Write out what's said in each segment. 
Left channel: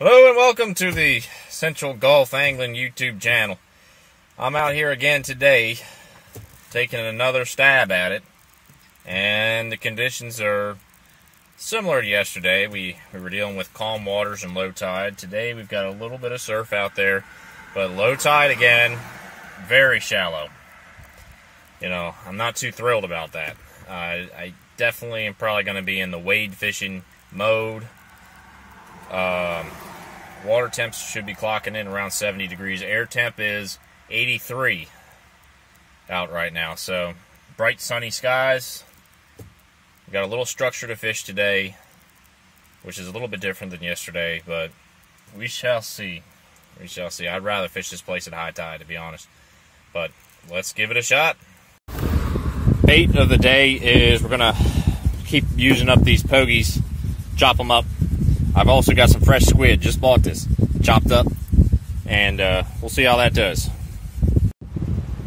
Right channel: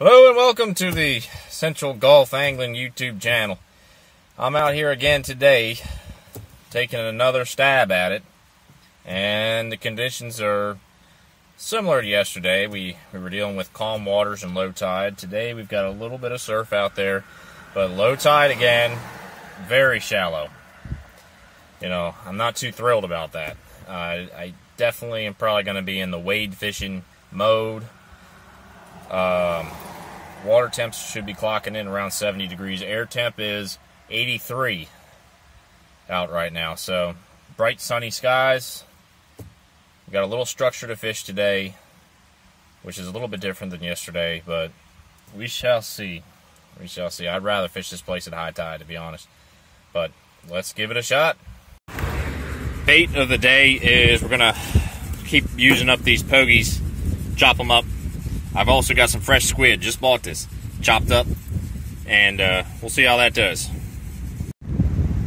Hello and welcome to the Central Gulf Angling YouTube channel. I'm out here again today taking another stab at it, and the conditions are similar to yesterday. We were dealing with calm waters and low tide. Today we've got a little bit of surf out there, but low tide again, very shallow. You know, I'm not too thrilled about that. I definitely am probably going to be in the wade fishing mode. Water temps should be clocking in around 70 degrees. Air temp is 83 out right now. So, bright sunny skies. We've got a little structure to fish today, which is a little bit different than yesterday, but we shall see. We shall see. I'd rather fish this place at high tide, to be honest. But let's give it a shot. Bait of the day is we're going to keep using up these pogies, chop them up. I've also got some fresh squid, just bought this, chopped up, and we'll see how that does.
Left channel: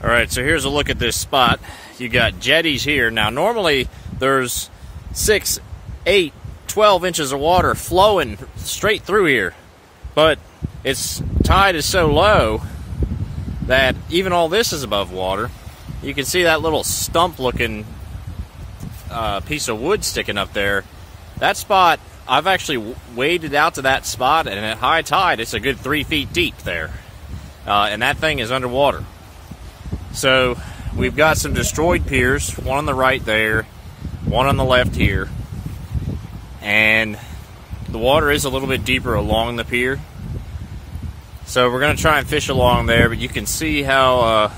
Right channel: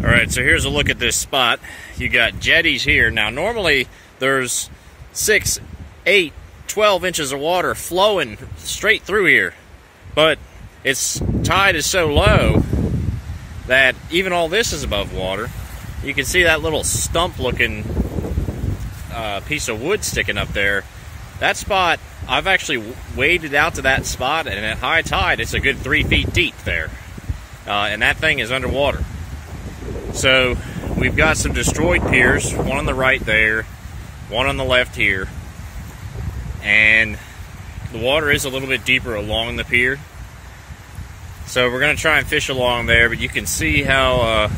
Alright, so here's a look at this spot. You got jetties here. Now normally there's 6, 8, 12 inches of water flowing straight through here, but its tide is so low that even all this is above water. You can see that little stump looking piece of wood sticking up there. That spot, I've actually waded out to that spot, and at high tide, it's a good 3 feet deep there. And that thing is underwater. So, we've got some destroyed piers, one on the right there, one on the left here. And the water is a little bit deeper along the pier. So, we're going to try and fish along there, but you can see how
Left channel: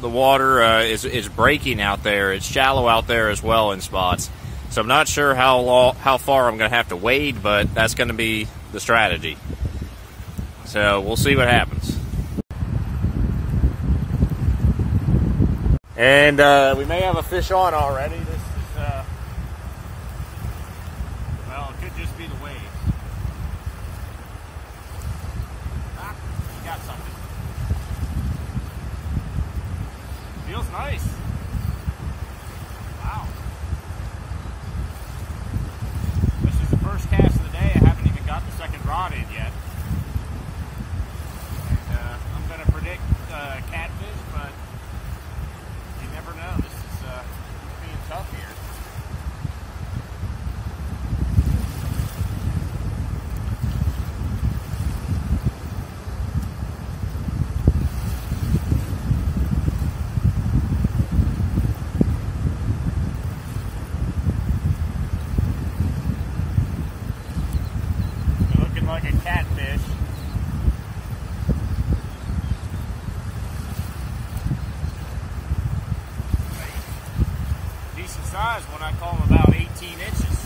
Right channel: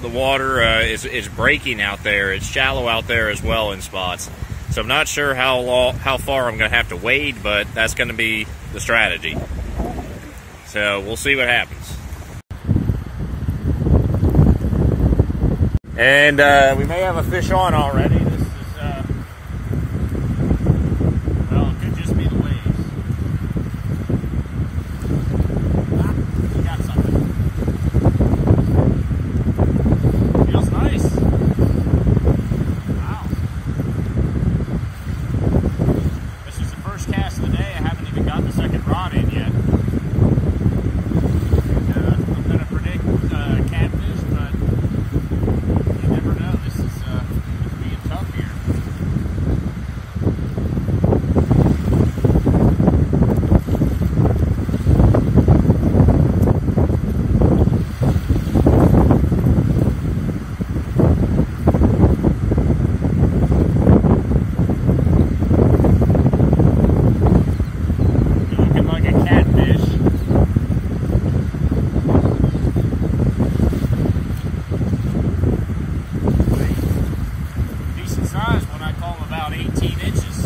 the water is breaking out there. It's shallow out there as well in spots. So I'm not sure how far I'm going to have to wade, but that's going to be the strategy. So we'll see what happens. And we may have a fish on already. This is, well, it could just be the waves. Ah, we got something. Feels nice. First cast of the day. I haven't even got the second rod in yet. And I'm going to predict catfish, but you never know. This is being tough here. Like a catfish. Decent size when I call them about 18 inches.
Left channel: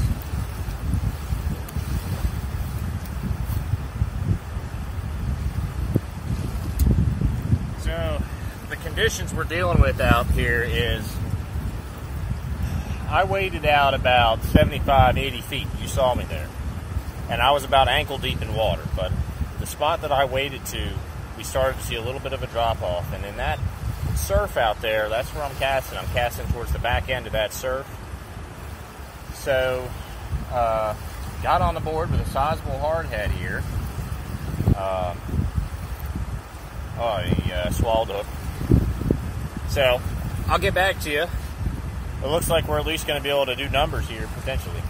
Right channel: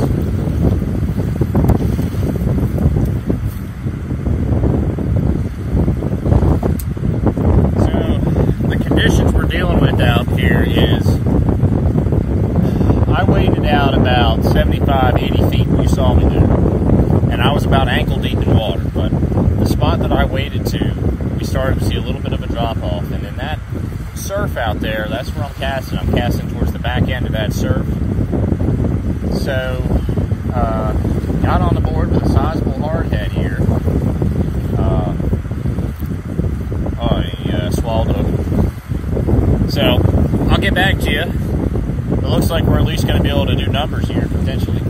So the conditions we're dealing with out here is I waded out about 75, 80 feet. You saw me there. And I was about ankle deep in water, but the spot that I waded to, we started to see a little bit of a drop off, and in that surf out there, that's where I'm casting. I'm casting towards the back end of that surf. So, got on the board with a sizable hardhead here. He swallowed hook. So, I'll get back to you. It looks like we're at least going to be able to do numbers here, potentially.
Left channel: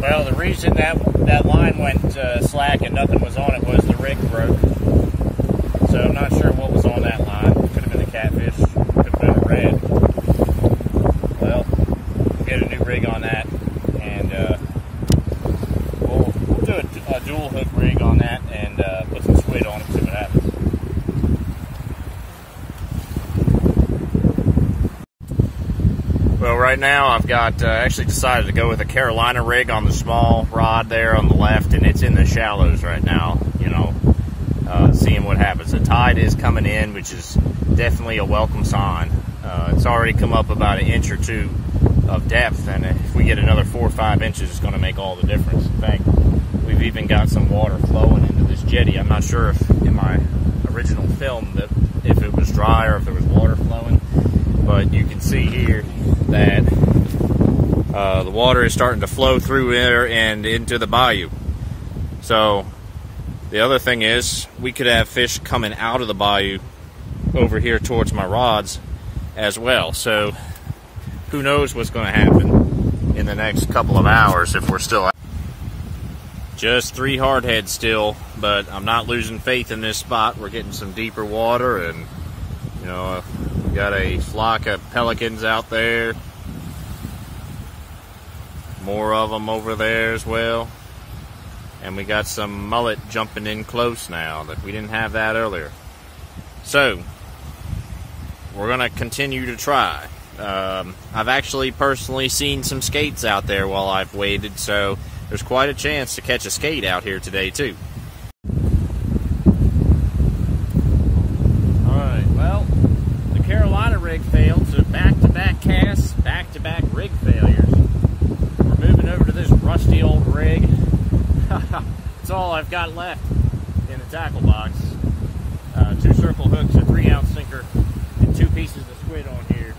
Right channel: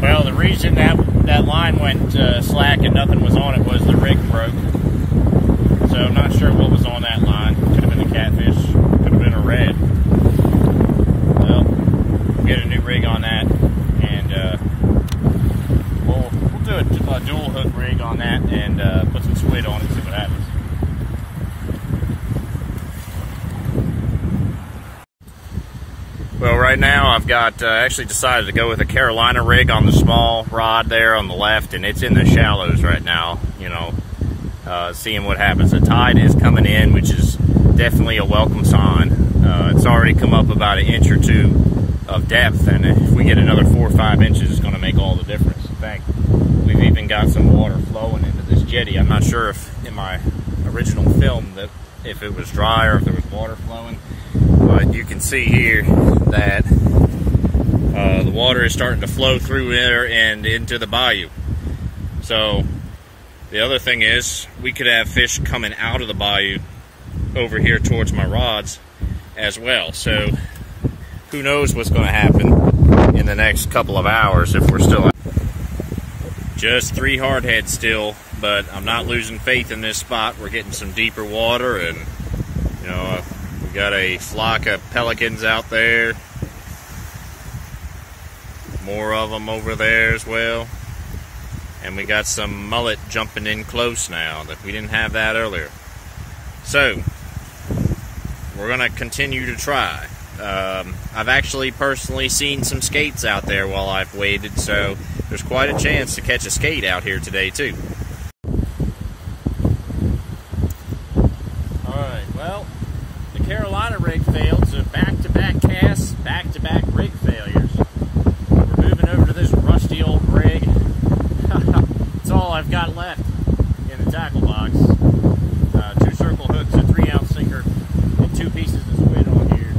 Well, the reason that line went slack and nothing was on it was the rig broke. So I'm not sure what was on that line. Could have been a catfish, could have been a red. Well, we'll get a new rig on that, and we'll do a dual hook rig on that and put some squid on it and see what happens. Well, right now I've got actually decided to go with a Carolina rig on the small rod there on the left, and it's in the shallows right now, you know, seeing what happens. The tide is coming in, which is definitely a welcome sign. It's already come up about an inch or two of depth, and if we get another 4 or 5 inches, it's going to make all the difference. In fact, we've even got some water flowing into this jetty. I'm not sure if in my original film that if it was dry or if there was water flowing, but you can see here that the water is starting to flow through there and into the bayou. So the other thing is we could have fish coming out of the bayou over here towards my rods as well. So who knows what's going to happen in the next couple of hours if we're still out. Just 3 hardheads still, but I'm not losing faith in this spot. We're getting some deeper water, and you know, we got a flock of pelicans out there. More of them over there as well. And we got some mullet jumping in close now that we didn't have that earlier. So we're gonna continue to try. I've actually personally seen some skates out there while I've waded, so there's quite a chance to catch a skate out here today too. Alright, well, the Carolina rig failed, so back-to-back casts, back-to-back rig failures. We're moving over to this rusty old rig. That's all I've got left in the tackle box. 2 circle hooks, a 3-ounce sinker, and 2 pieces of squid on here.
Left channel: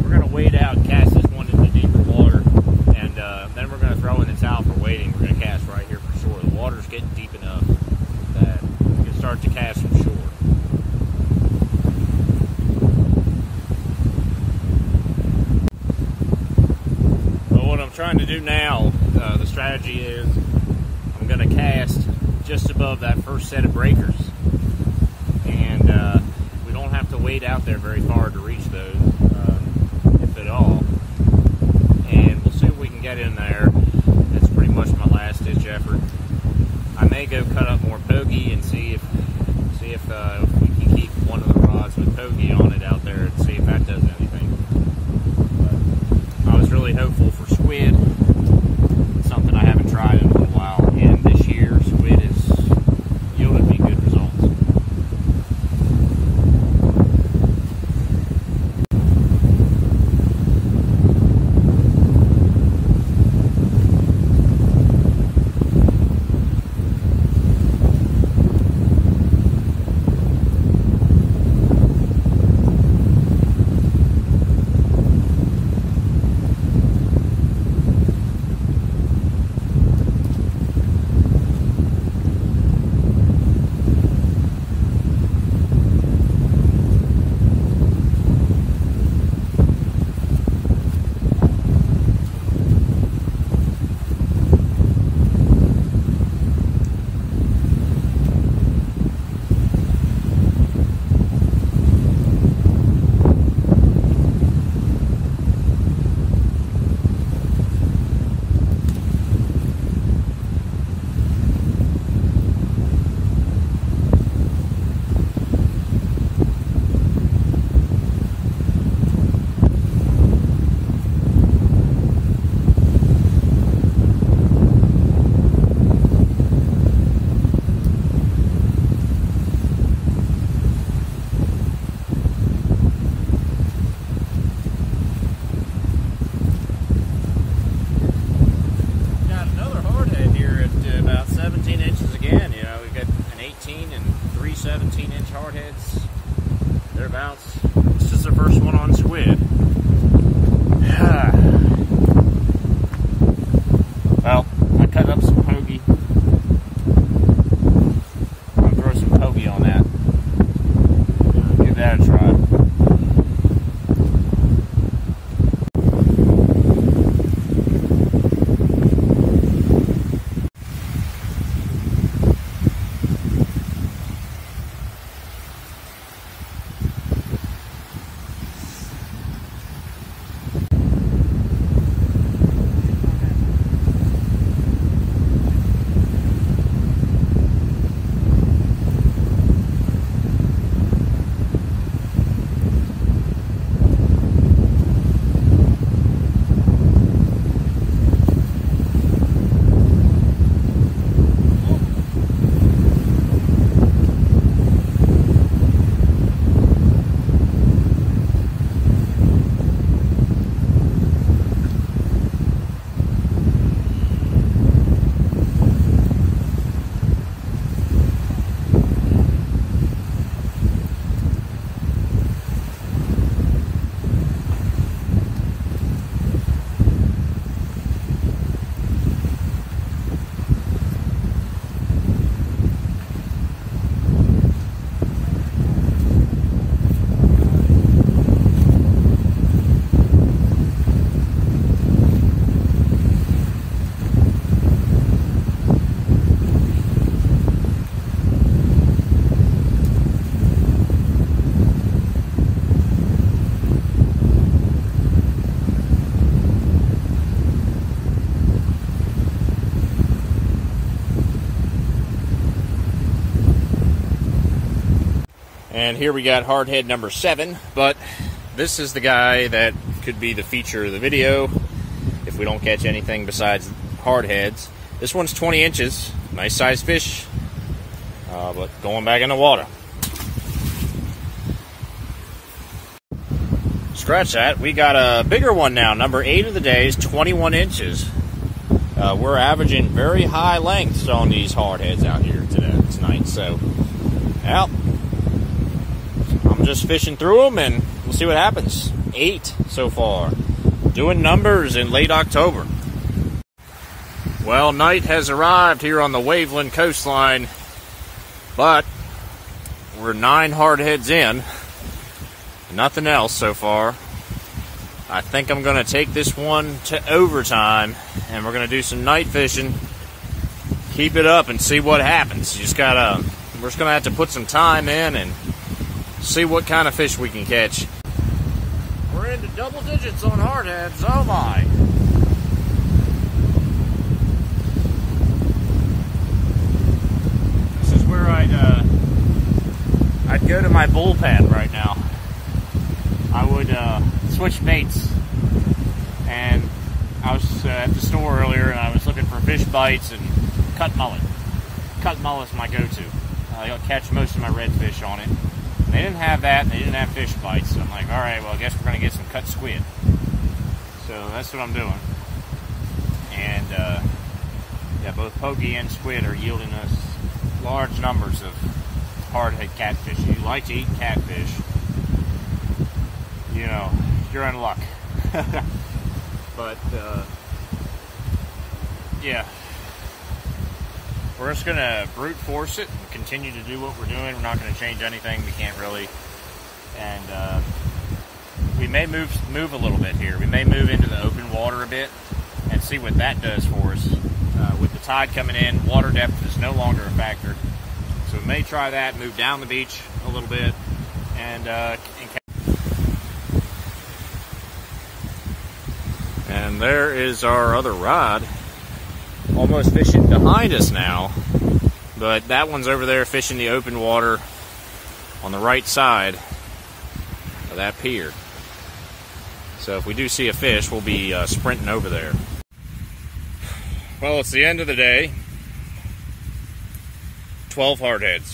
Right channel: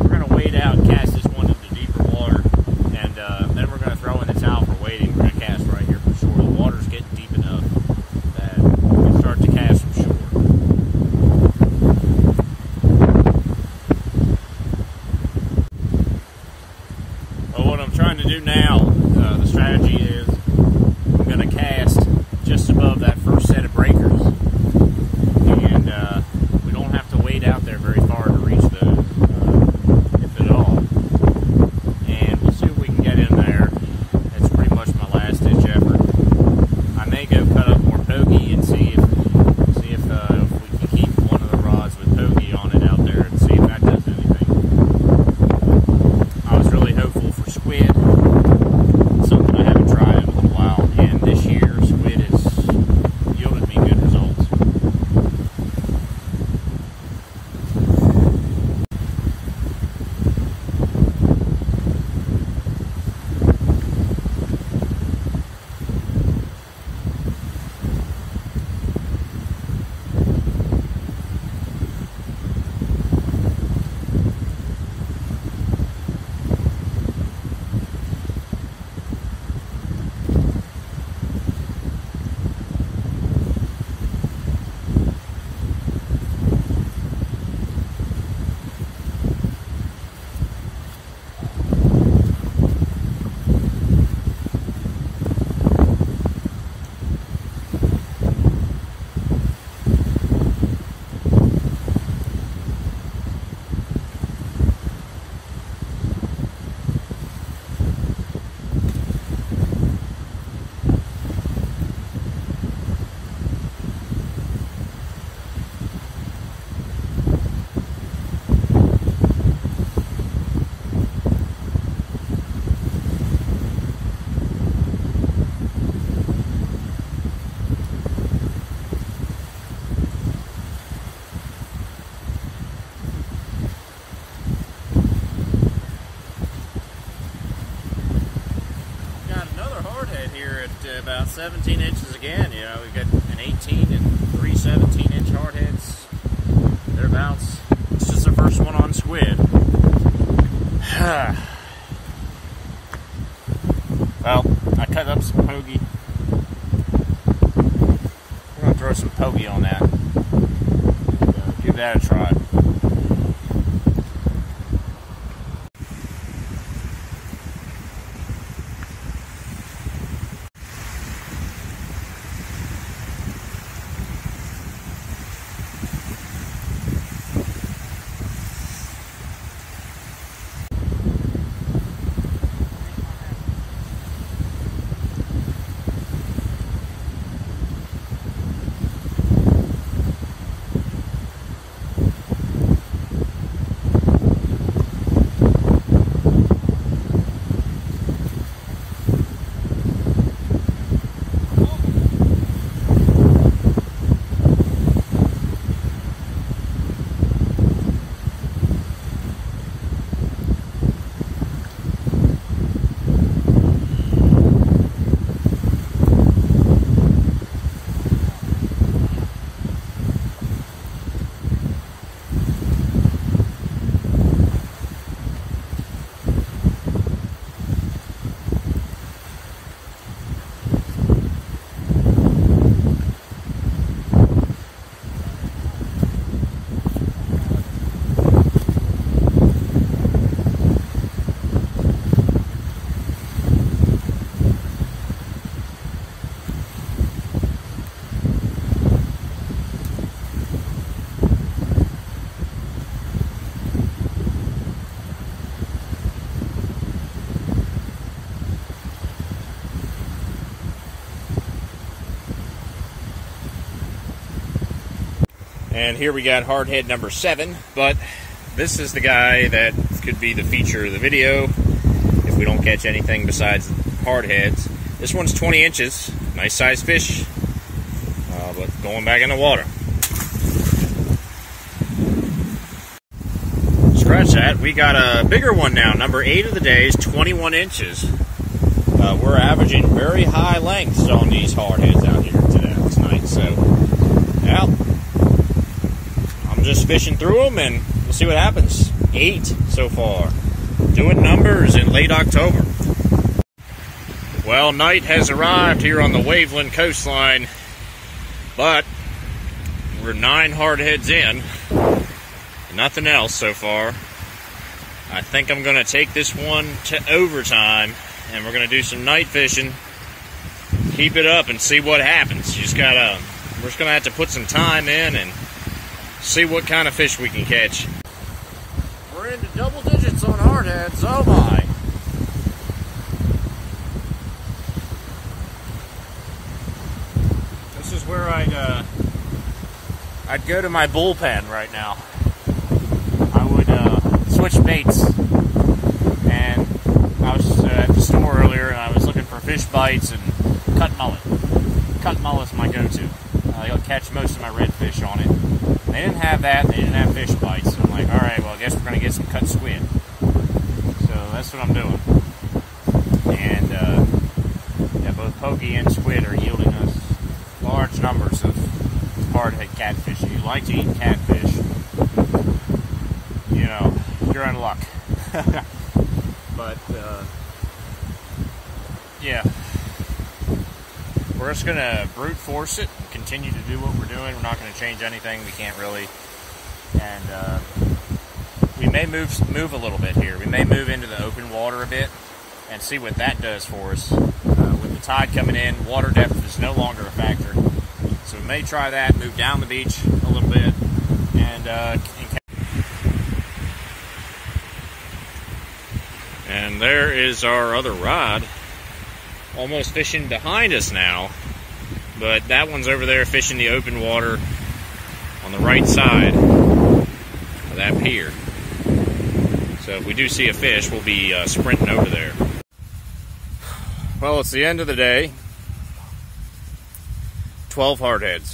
We're going to wade out and cast this one into deeper water, and then we're going to throw in the towel for wading. We're going to cast right here for shore. The water's getting deep enough that we can start to cast from shore. But what I'm trying to do now, the strategy is I'm going to cast just above that first set of breakers, and we don't have to wade out there very far to reach those, if at all. And we'll see what we can get in there. It's pretty much my last ditch effort. I may go cut up more pokey and see if we can keep one of the rods with pokey on it out there and see if that does anything. But I was really hopeful for squid, something I haven't tried in a little while, and this year squid has yielded me good results. About 17 inches again. You know, we've got an 18 and 3 17-inch hardheads, thereabouts. This is the first one on squid. Well, I cut up some pokey. I'll throw some pokey on that. Give that a try. And here we got hardhead number 7, but this is the guy that could be the feature of the video if we don't catch anything besides hardheads. This one's 20 inches, nice sized fish, but going back in the water. Scratch that, we got a bigger one now. Number 8 of the day is 21 inches. We're averaging very high lengths on these hardheads out here tonight. So, well, I'm just fishing through them and we'll see what happens. 8 so far. Doing numbers in late October. Well, night has arrived here on the Waveland coastline, but we're 9 hardheads in. Nothing else so far. I think I'm going to take this one to overtime, and we're going to do some night fishing. Keep it up and see what happens. We're just going to have to put some time in and see what kind of fish we can catch. We're into double digits on hardheads. Oh my. This is where I'd go to my bullpen right now. I would switch baits, and I was at the store earlier and I was looking for fish bites and cut mullet. Cut mullet's my go-to. I'll catch most of my redfish on it. They didn't have that, and they didn't have fish bites, so I'm like, alright, well I guess we're going to get some cut squid. So that's what I'm doing. And yeah, both pokey and squid are yielding us large numbers of hardhead catfish. If you like to eat catfish, you know, you're in luck. But, yeah. We're just going to brute force it and continue to do what we're doing. We're not going to change anything. We can't really. And we may move a little bit here. We may move into the open water a bit and see what that does for us. With the tide coming in, water depth is no longer a factor. So we may try that, move down the beach a little bit, and there is our other rod, almost fishing behind us now, but that one's over there fishing the open water on the right side of that pier. So if we do see a fish, we'll be sprinting over there. Well, it's the end of the day. 12 hardheads.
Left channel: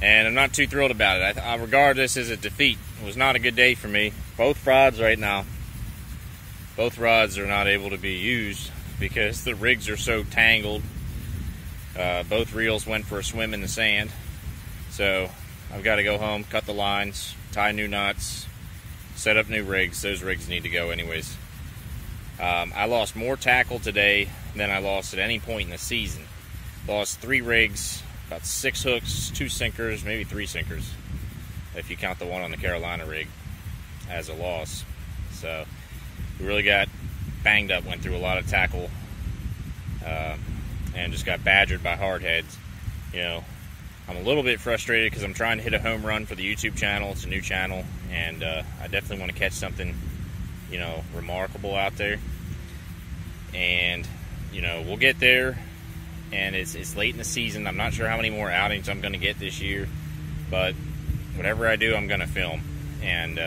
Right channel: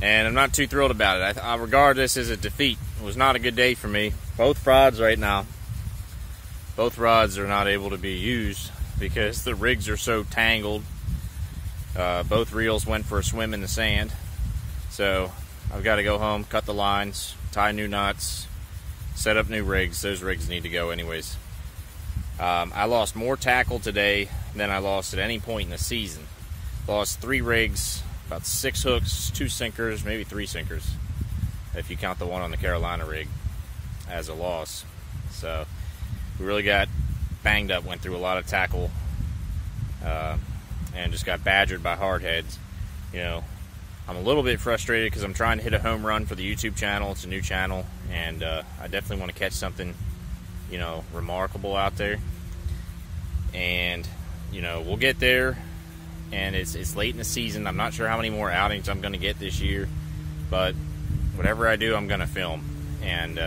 And I'm not too thrilled about it. I regard this as a defeat. It was not a good day for me. Both rods right now, both rods are not able to be used because the rigs are so tangled. Both reels went for a swim in the sand. So I've got to go home, cut the lines, tie new knots, set up new rigs. Those rigs need to go anyways. I lost more tackle today than I lost at any point in the season. Lost 3 rigs, about 6 hooks, 2 sinkers, maybe 3 sinkers, if you count the one on the Carolina rig as a loss. So we really got banged up, went through a lot of tackle, and just got badgered by hardheads. You know, I'm a little bit frustrated because I'm trying to hit a home run for the YouTube channel. It's a new channel, and I definitely want to catch something, you know, remarkable out there. And, you know, we'll get there. And it's late in the season. I'm not sure how many more outings I'm going to get this year, but whatever I do, I'm going to film and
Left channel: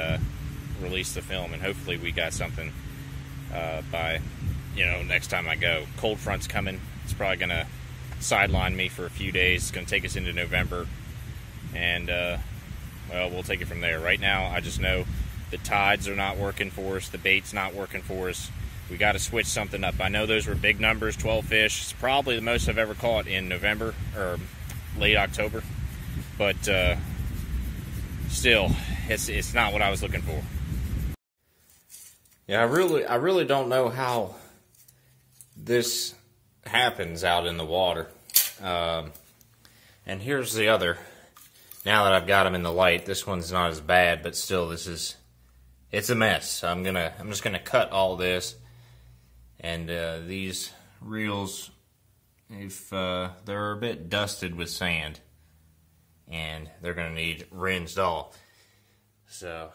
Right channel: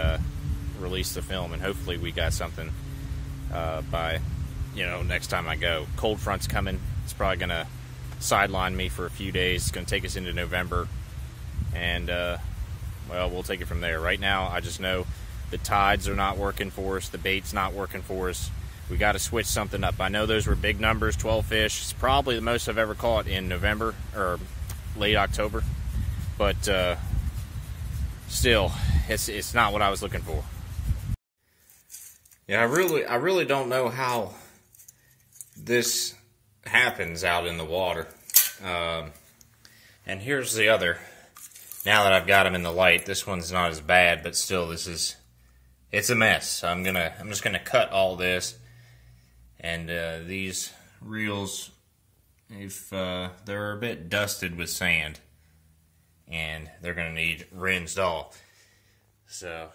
release the film, and hopefully we got something by, you know, next time I go. Cold front's coming. It's probably going to sideline me for a few days. It's going to take us into November, and well, we'll take it from there. Right now, I just know the tides are not working for us. The bait's not working for us. We got to switch something up. I know those were big numbers, 12 fish. It's probably the most I've ever caught in November or late October, but still, it's not what I was looking for. Yeah, I really don't know how this happens out in the water. And here's the other. Now that I've got them in the light, this one's not as bad, but still, it's a mess. I'm just gonna cut all this. And these reels, if they're a bit dusted with sand, and they're going to need rinsed off. So